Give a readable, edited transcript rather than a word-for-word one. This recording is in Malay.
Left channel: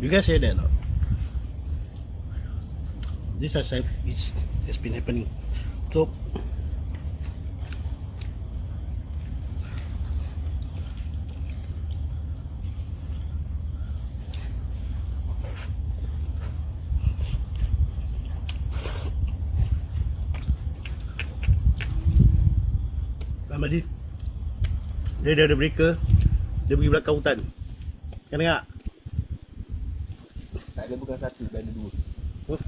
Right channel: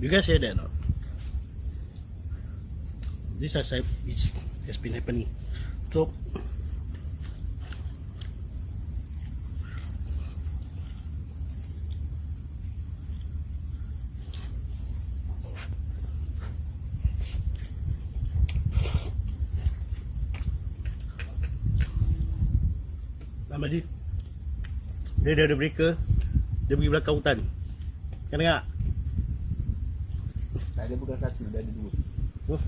You guys hear that? No? This has been happening. So Ahmadi, dia dah ada breaker. Dia pergi belakang hutan. Kau dengar? Tak ada bukan satu, dah ada dua. Huh?